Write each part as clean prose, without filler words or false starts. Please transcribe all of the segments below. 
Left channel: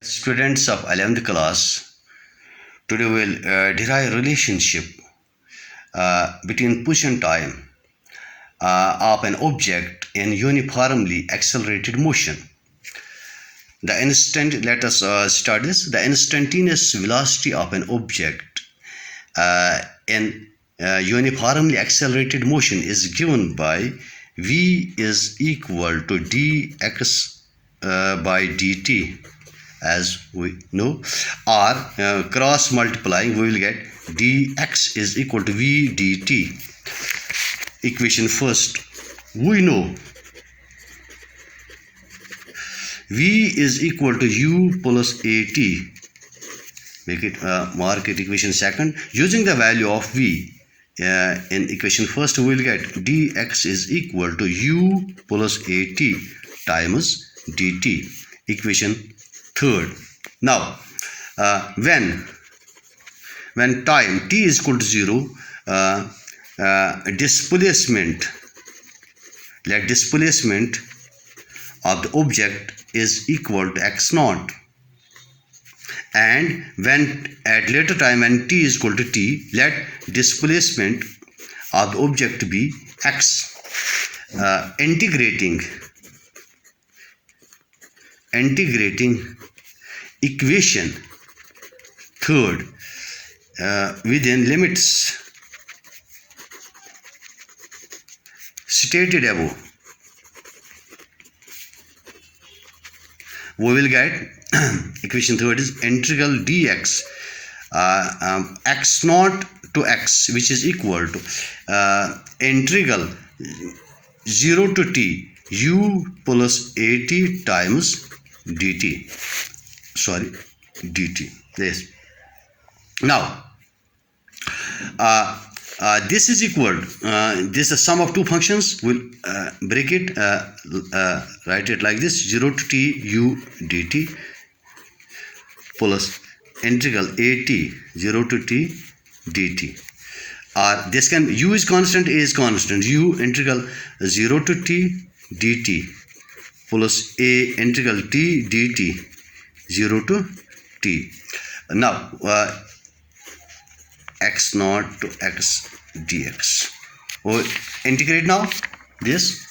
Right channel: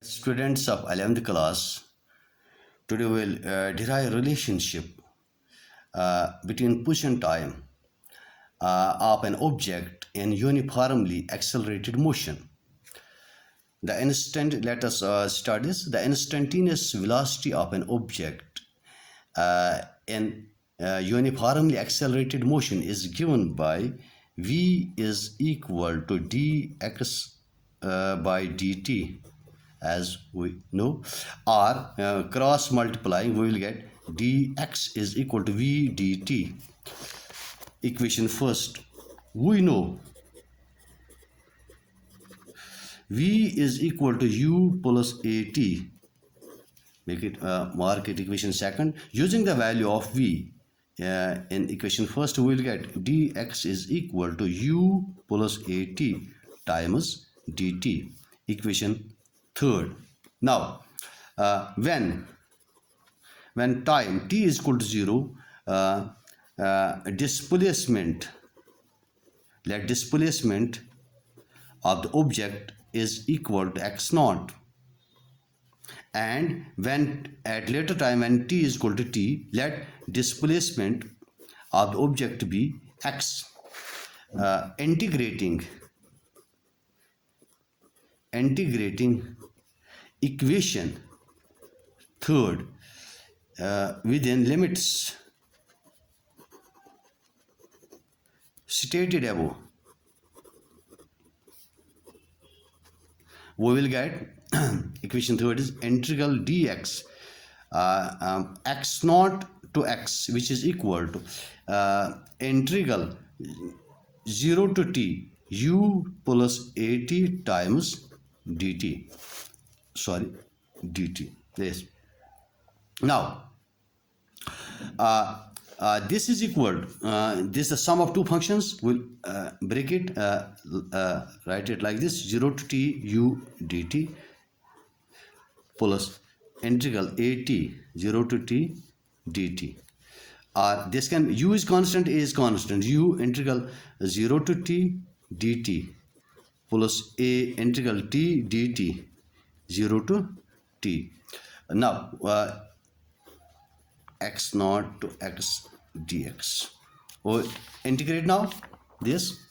Students of 11th class, today we'll derive relationship between position time of an object in uniformly accelerated motion. Let us start this. The instantaneous velocity of an object in uniformly accelerated motion is given by v is equal to dx by dt, as we know, or cross multiplying we will get dx is equal to v dt. Equation first, we know v is equal to u plus at. Make it mark it equation second. Using the value of v in equation first, we will get dx is equal to u plus at times dt. Equation third. Now when time t is equal to 0, displacement of the object is equal to x naught, and when at later time when t is equal to t, let displacement of the object be x. Integrating equation third within limits stated above, we will get equation third is integral dx x naught to x, which is equal to integral 0 to t u plus at times dt. Yes. Now this is equal, this is the sum of two functions. We'll break it, write it like this: 0 to t u dt plus integral at 0 to t dt. This can, u is constant, a is constant, u integral 0 to t dt plus a integral t dt 0 to t. Now x naught to x dx. We'll integrate now this.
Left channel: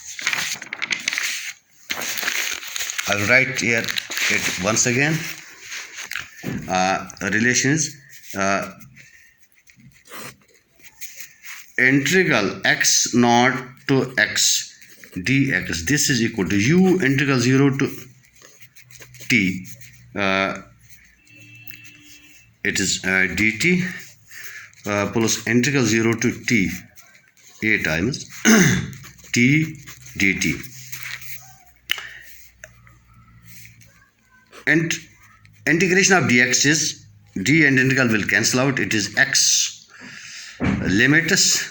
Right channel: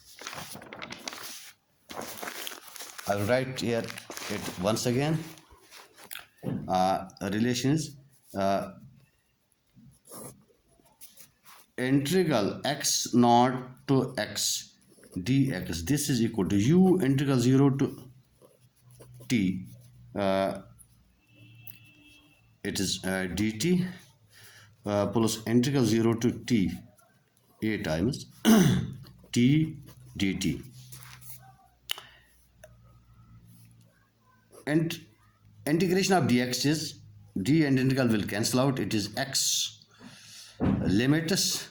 I'll write here it once again. Relation is integral x naught to x dx. This is equal to u integral 0 to t, it is dt plus integral 0 to t a times t dt. And integration of dx is d and integral will cancel out. It is x limits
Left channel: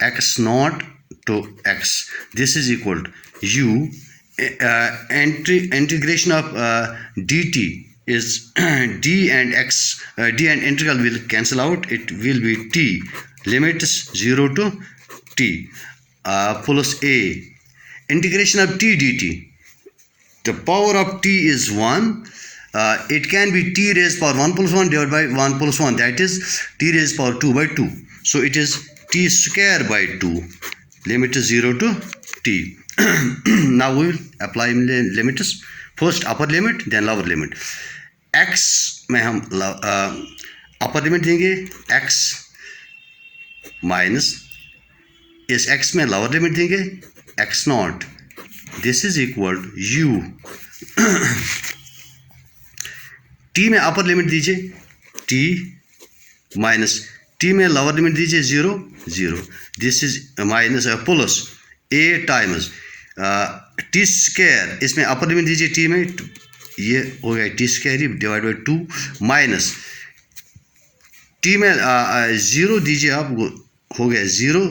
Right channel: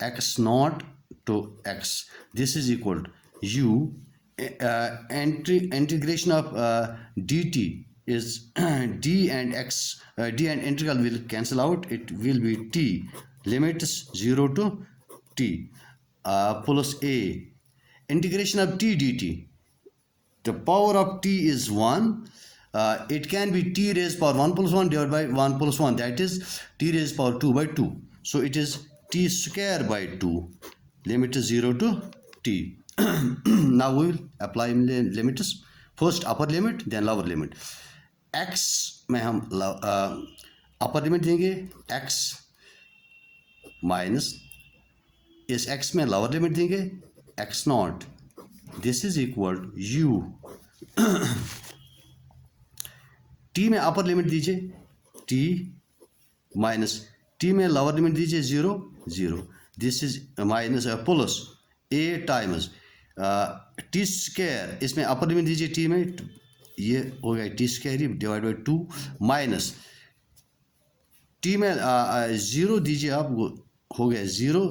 x naught to x. This is equal to u integration of dt is d and x, d and integral will cancel out. It will be t limits 0 to t plus a integration of t dt. The power of t is 1. It can be t raised power 1 plus 1 divided by 1 plus 1, that is t raised power 2 by 2. So it is t square by 2, limit is 0 to t. Now we will apply limits. First upper limit, then lower limit. x में हम upper limit देंगे, x minus इस x में lower limit देंगे x not. This is equal u. t में upper limit दीजिए t minus t में lower limit दीजिए 0 0. This is minus plus a times T square, इसमें अपर लिमिट दीजिए t में, ये हो गया T square divide by 2 minus t में 0 दीजिए आप, हो गया 0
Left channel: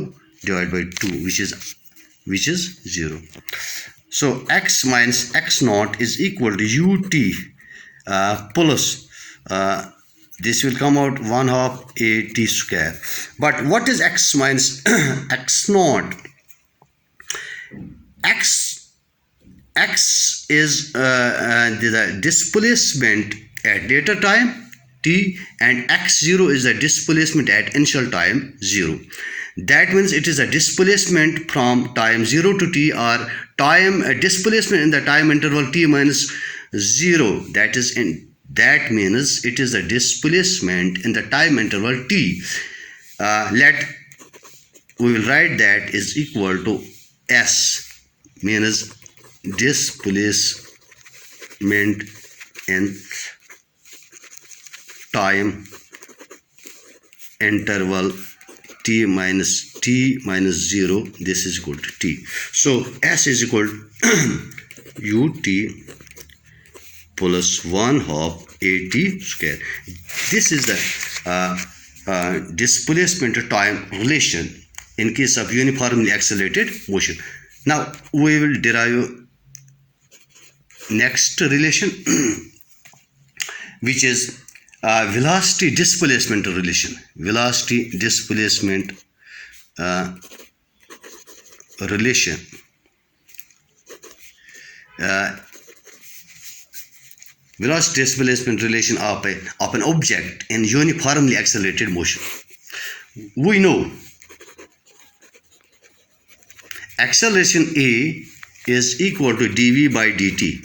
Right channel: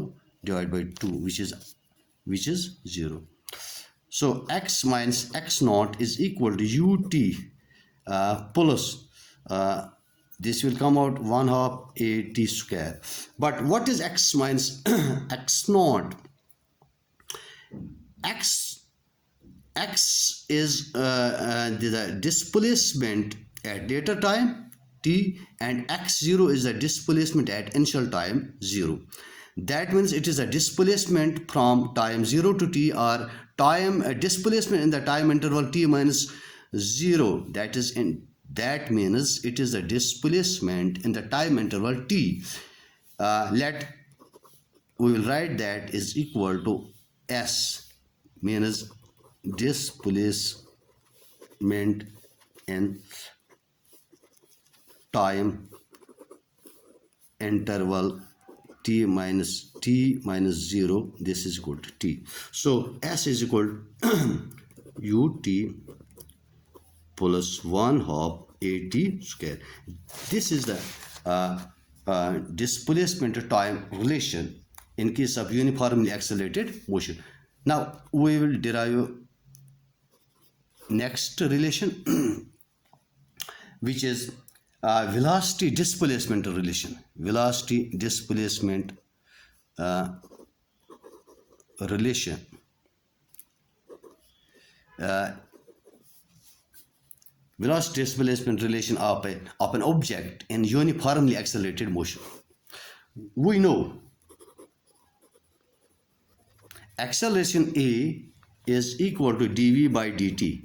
divide by 2 which is 0. So x minus x naught is equal to ut plus this will come out 1/2 a t square. But what is x minus x naught? X is the displacement at later time t, and x0 is the displacement at initial time 0. That means it is a displacement from time 0 to t, or time displacement in the time interval t minus 0. That means it is a displacement in the time interval t. We will write that is equal to s, means displacement in time interval t minus 0. This is equal to t. So s is equal to ut plus 1/2 at square. This is the displacement time relation in case of uniformly accelerated motion. Now we will derive next relation which is velocity displacement relation. Velocity displacement relation. Velocity displacement relation of an object in uniformly accelerated motion. We know acceleration A is equal to dv by dt.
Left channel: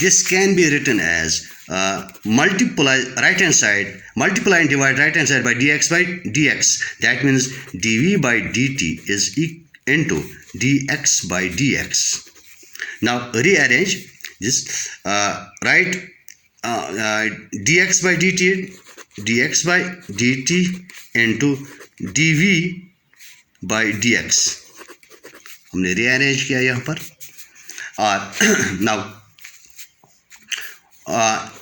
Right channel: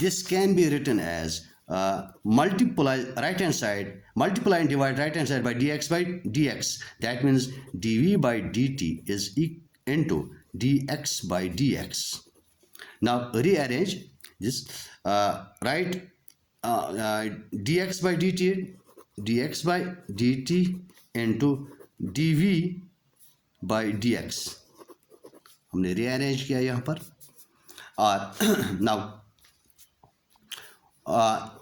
This can be written as multiply right hand side, multiply and divide right hand side by dx by dx. That means dv by dt is into dx by dx. Now rearrange this, write dx by dt into dv by dx. हमने rearrange किया यहाँ पर, और now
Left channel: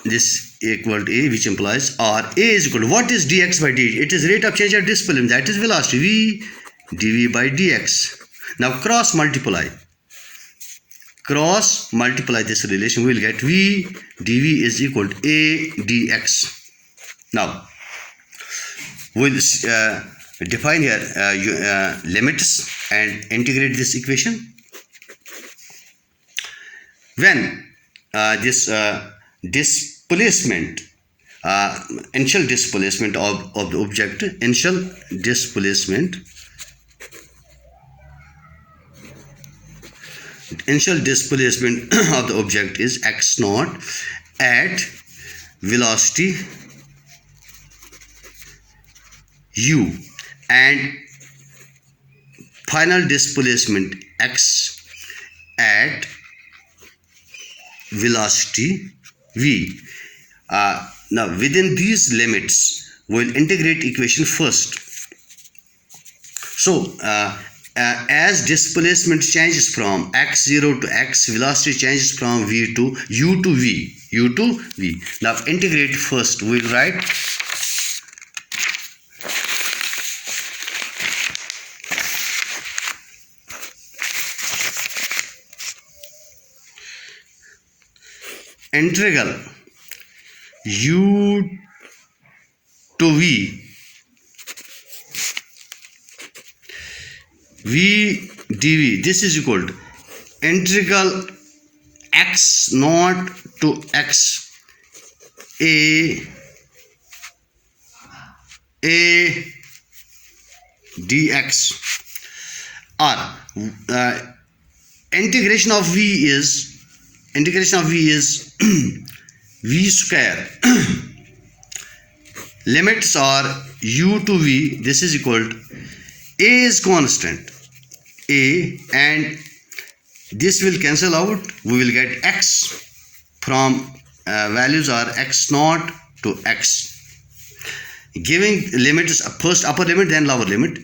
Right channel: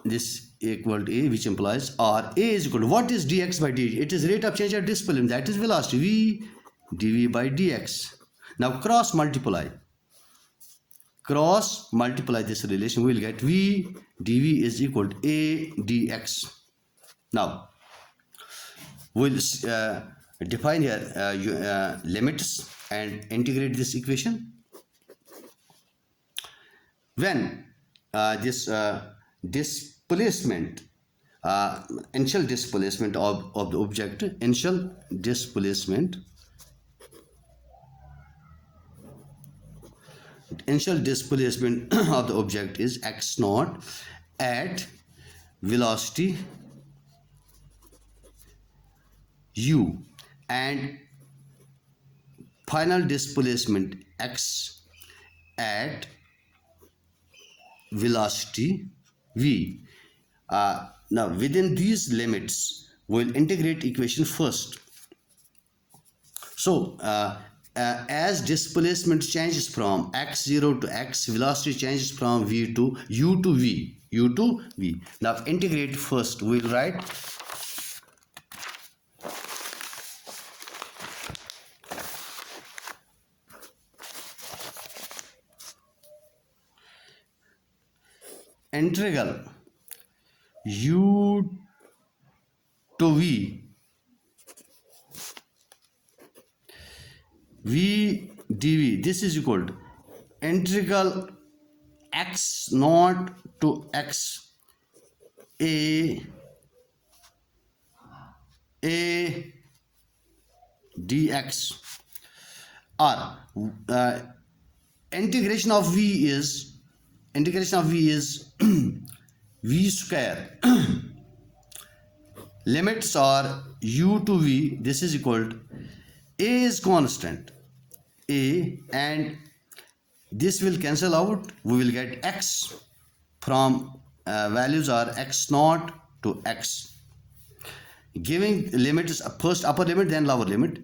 this equal to a, which implies or a is equal to, what is dx by dt? It is rate of change of displacement, that is velocity, v dv by dx. Now cross multiply this relation, we will get v dv is equal to a dx. Now we will define here limits and integrate this equation. When this displacement, initial displacement of the object, initial displacement of the object is x naught at velocity u, and final displacement x at velocity v. Now within these limits we will integrate equation first. So as displacement changes from x0 to x, velocity changes from v to u to v. Now integrate first. We will write integral u to v dv. This is equal to integral x naught to x a dx, or integration of v is v square. Limits are u to v. This is equal to, a is constant, a, and this will cancel out. We will get x from values are x naught to x. Giving limits, first upper limit then lower limit.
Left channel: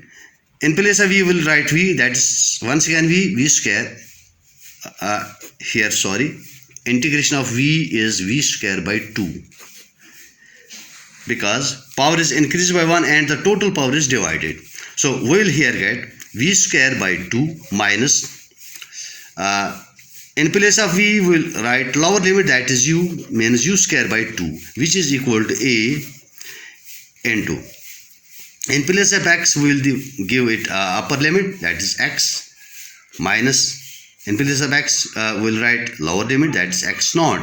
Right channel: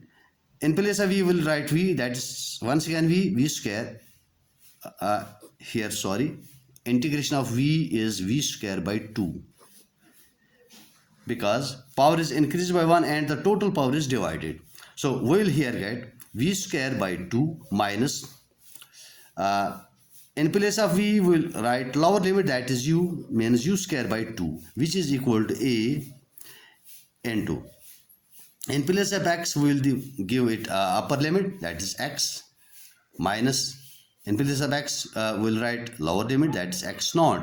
In place of v we will write v, that is once again v square. Here sorry, integration of v is v square by 2, because power is increased by 1 and the total power is divided. So we will here get v square by 2 minus, in place of v we will write lower limit, that is u, means u square by 2, which is equal to a into, in place of x we will give it upper limit, that is x, minus, in place of x we will write lower limit, that is x naught.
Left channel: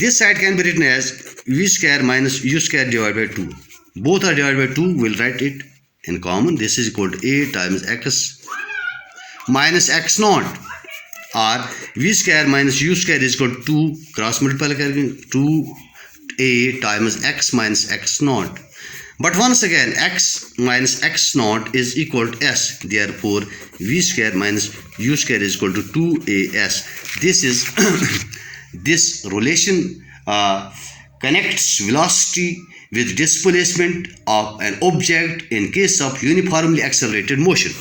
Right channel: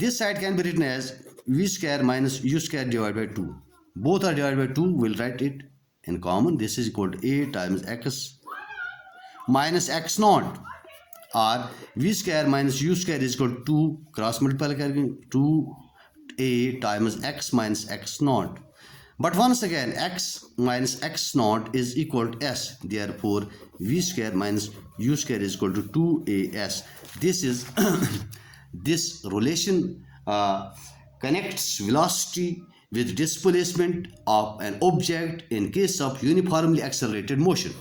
This side can be written as v square minus u square divided by 2. Both are divided by 2. We'll write it in common. This is equal to a times x minus x naught, or v square minus u square is equal to 2 cross multiply करेंगे 2a times x minus x naught. But once again, x minus x naught is equal to s. Therefore, v square minus u square is equal to 2as. This is this relation connects velocity with displacement of an object in case of uniformly accelerated motion.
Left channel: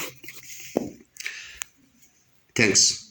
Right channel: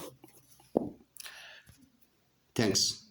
Thanks.